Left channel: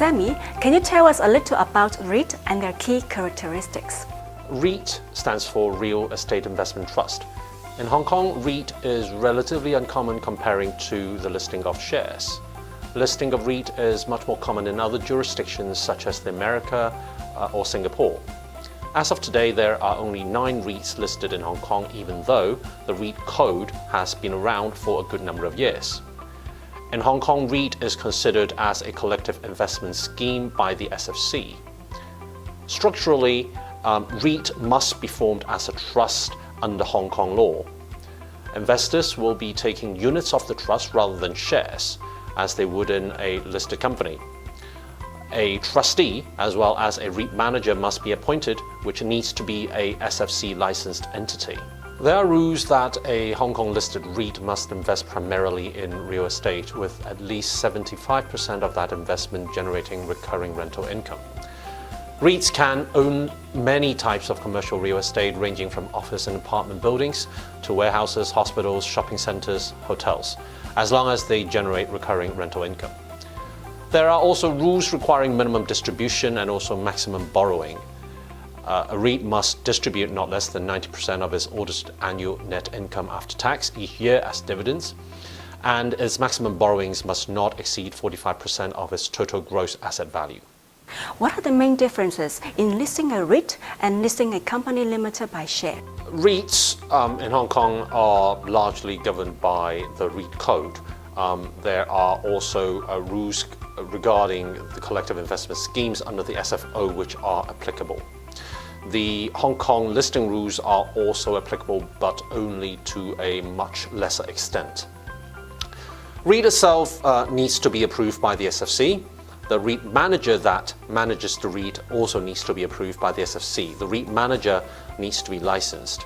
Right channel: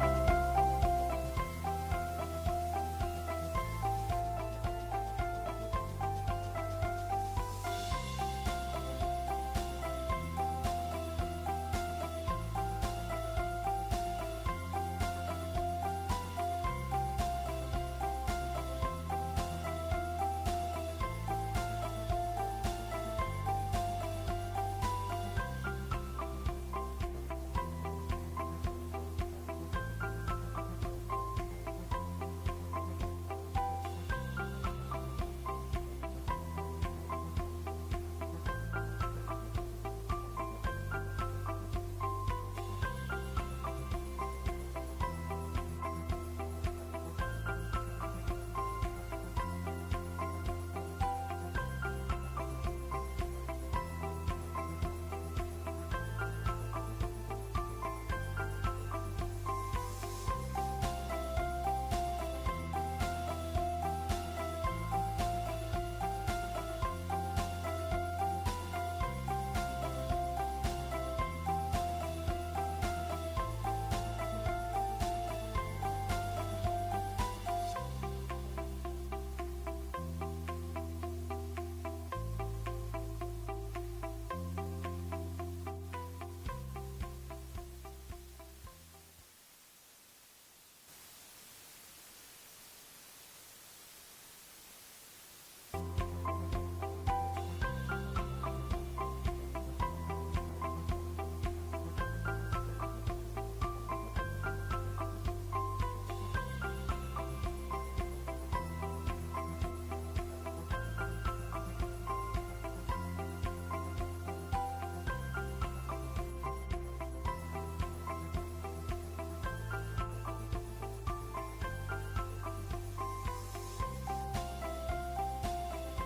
Sammy, can you tell us a little about REIT and their key characteristics? REIT stands for Real Estate Investment Trust. In Hong Kong, REIT is relatively uncommon comparing to the listing of shares. Listing of REIT is much more common in other jurisdictions such as America or Singapore. As of today, there are only 9 REITs listed in Hong Kong, even though the REIT code has been around for a good number of years. In Hong Kong, REIT is considered as a collective investment scheme by the SFC. Structurally, REIT must be formed as a trust under Hong Kong law. Investors will be taking units of the trust rather than shares, as they would in a listed company. A trustee, as well as a REIT manager, must be appointed, which needs to be a SFC licensed entity. There are rules that a Hong Kong listed REIT must invest primarily in real estate, with at least 75% of that investment generating recurring rental income. REITs can own many types of commercial real estate, ranging from office and apartment buildings to warehouses, hospitals, shopping centers, hotels, as long as they generate recurring rental income. There are also rules requiring minimum distribution and also maximum borrowing. A REIT must distribute not less than 90% of its audited annual net income after tax each year as dividends, and its maximum borrowings must not exceed 45% of its total gross asset value. What are the main differences in listing a REIT and listing a company limited by share? REITs in Hong Kong are largely governed by the REIT code. There are also rules regarding the collective investment schemes under the SFO which are applicable. The Hong Kong listing rules are also applicable, but only to a much lesser extent. REIT itself needs to be approved by the SFC. The REIT manager that manages the REIT also needs to be approved by the SFC. The REIT manager needs to be licensed.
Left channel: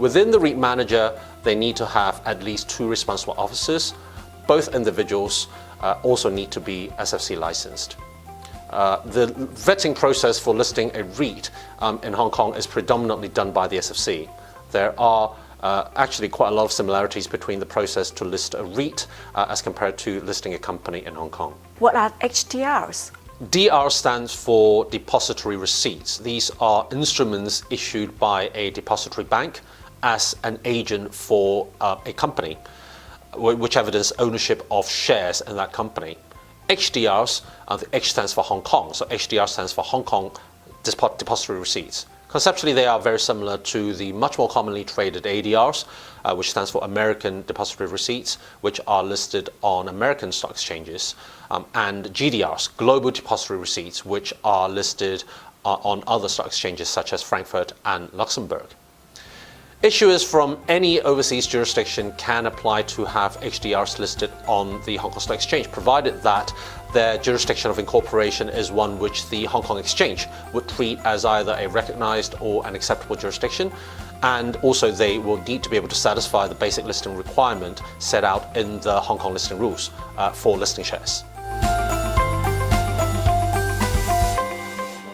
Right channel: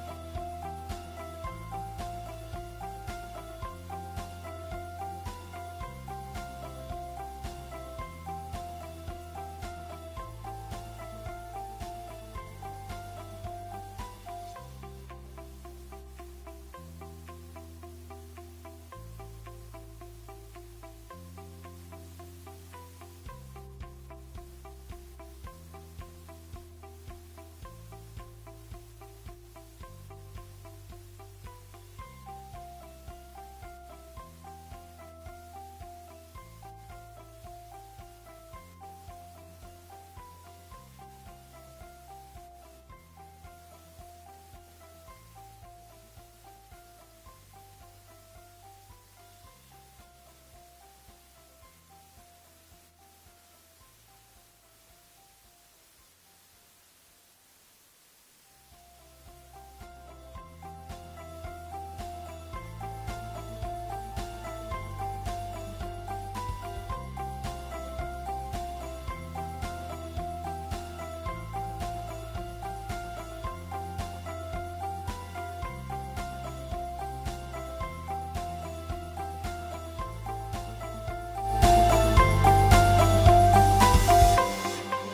Within the REIT manager, they need to have at least 2 responsible officers. Both individuals also need to be SFC licensed. The vetting process for listing a REIT in Hong Kong is predominantly done by the SFC. There are actually quite a lot of similarities between the process to list a REIT as compared to listing a company in Hong Kong. What are HDRs? DR stands for depository receipts. These are instruments issued by a depository bank as an agent for a company, which evidence ownership of shares in that company. HDRs, the H stands for Hong Kong, so HDR stands for Hong Kong Depository Receipts. Conceptually, they are very similar to the much more commonly traded ADRs, which stands for American Depository Receipts, which are listed on American stock exchanges, and GDRs, Global Depository Receipts, which are listed on other stock exchanges such as Frankfurt and Luxembourg. Issuers from any overseas jurisdiction can apply to have HDRs listed on the Hong Kong Stock Exchange, provided that their jurisdiction of incorporation is one which the Hong Kong Exchange would treat as either a recognized or an acceptable jurisdiction, and also they will need to be able to satisfy the basic listing requirement set out in the Hong Kong listing rules for listing shares.